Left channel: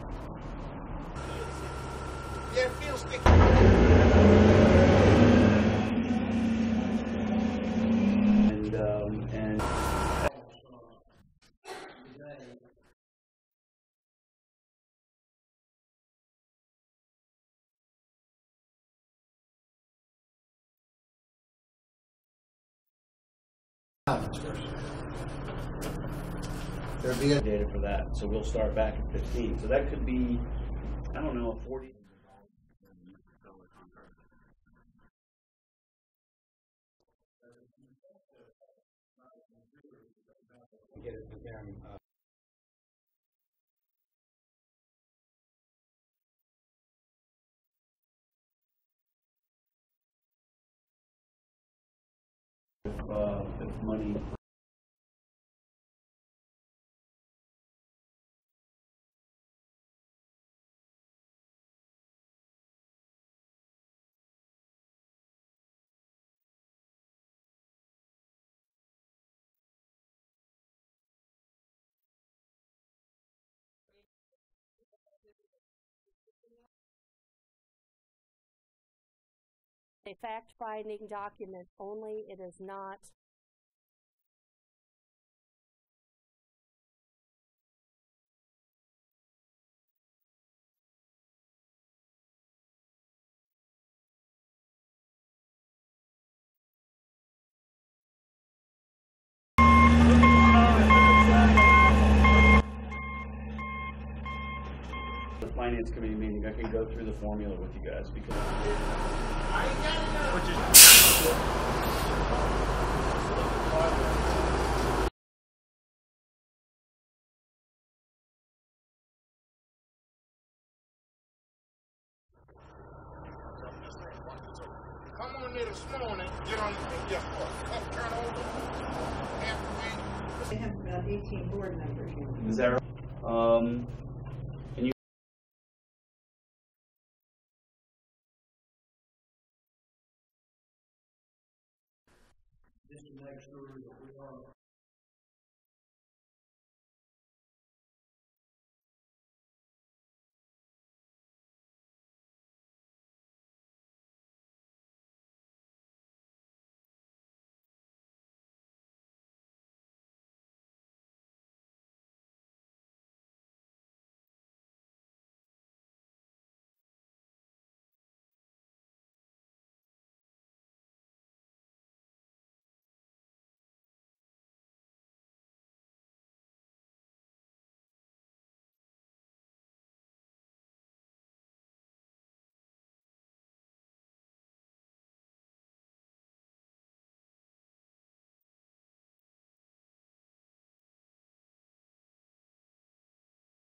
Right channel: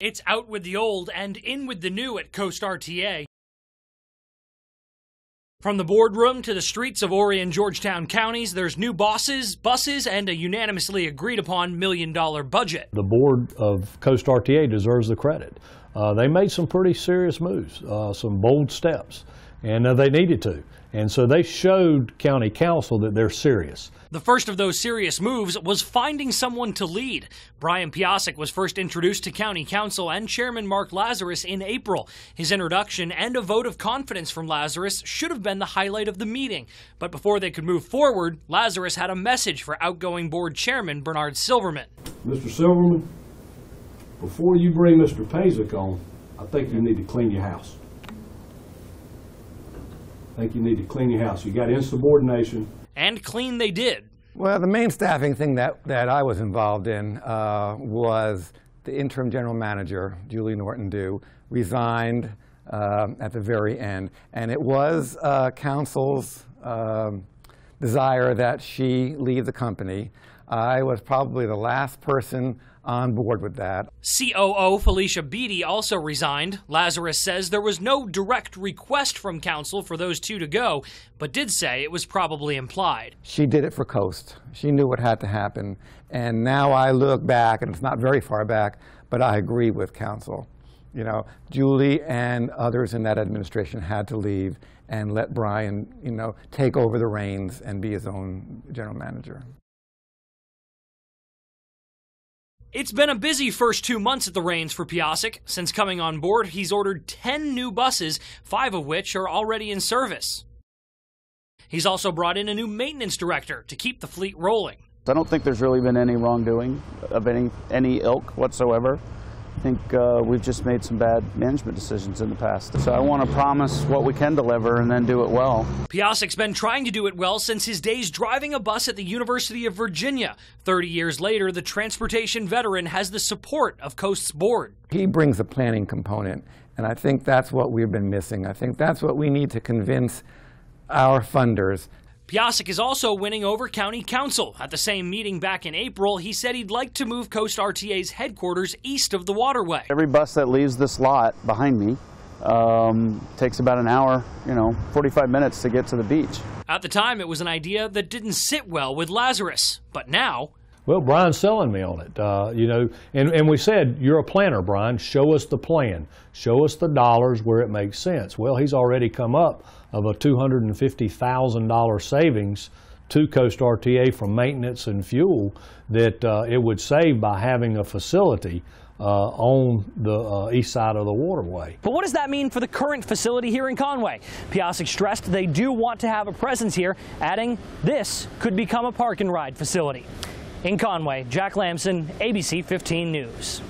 It's out with the old and in with the new at Coast RTA. From the boardroom to the streets of Horry and Georgetown counties, there's new bosses, buses, and a unanimously agreed upon $1 million budget. The board of Coast RTA deserves the credit. They made some pretty serious moves, some bold steps, and they needed to. And so they showed County Council that they're serious. The first of those serious moves was finding someone to lead. Brian Piasek was first introduced to County Council and Chairman Mark Lazarus in April. His introduction and a vote of confidence from Lazarus should have been the highlight of the meeting. But before they could move forward, Lazarus had a message for outgoing board chairman Bernard Silverman. Mr. Silverman, before you bring Mr. Piasek on, I think you need to clean your house. I think you need to clean your house. You got insubordination. And clean they did. Well, the main staffing thing that I was involved in was the interim general manager, Julie Norton-Dew, resigned at the very end. And it was council's desire that she leave the company. I was probably the last person on board with that. COO Felicia Beatty also resigned. Lazarus says there was no direct request from council for those two to go, but did say it was probably implied. She did it for Coast. She knew what had to happen. And now I look back, and it's not very far back, but I agree with council. You know, Julie and others in that administration had to leave and let Brian, you know, take over the reins and be his own general manager. It's been a busy first 2 months at the reins for Piasek. Since coming on board, he's ordered 10 new buses, 5 of which are already in service. He's also brought in a new maintenance director to keep the fleet rolling. I don't think there's really been any wrongdoing of any ilk whatsoever. I think we've just made some bad management decisions in the past. So I want to promise what we can deliver and then do it well. Piasek's been trying to do it well since his days driving a bus at the University of Virginia. 30 years later, the transportation veteran has the support of Coast's board. He brings a planning component, and I think that's what we've been missing. I think that's what we need to convince our funders. Piasek is also winning over County Council. At the same meeting back in April, he said he'd like to move Coast RTA's headquarters east of the waterway. Every bus that leaves this lot behind me takes about an hour, 45 minutes to get to the beach. At the time, it was an idea that didn't sit well with Lazarus, but now... Well, Brian's selling me on it, and we said, you're a planner, Brian. Show us the plan. Show us the dollars where it makes sense. Well, he's already come up of a $250,000 savings to Coast RTA from maintenance and fuel that it would save by having a facility on the east side of the waterway. But what does that mean for the current facility here in Conway? Piasek stressed they do want to have a presence here, adding this could become a park and ride facility. In Conway, Jack Lamson, ABC 15 News.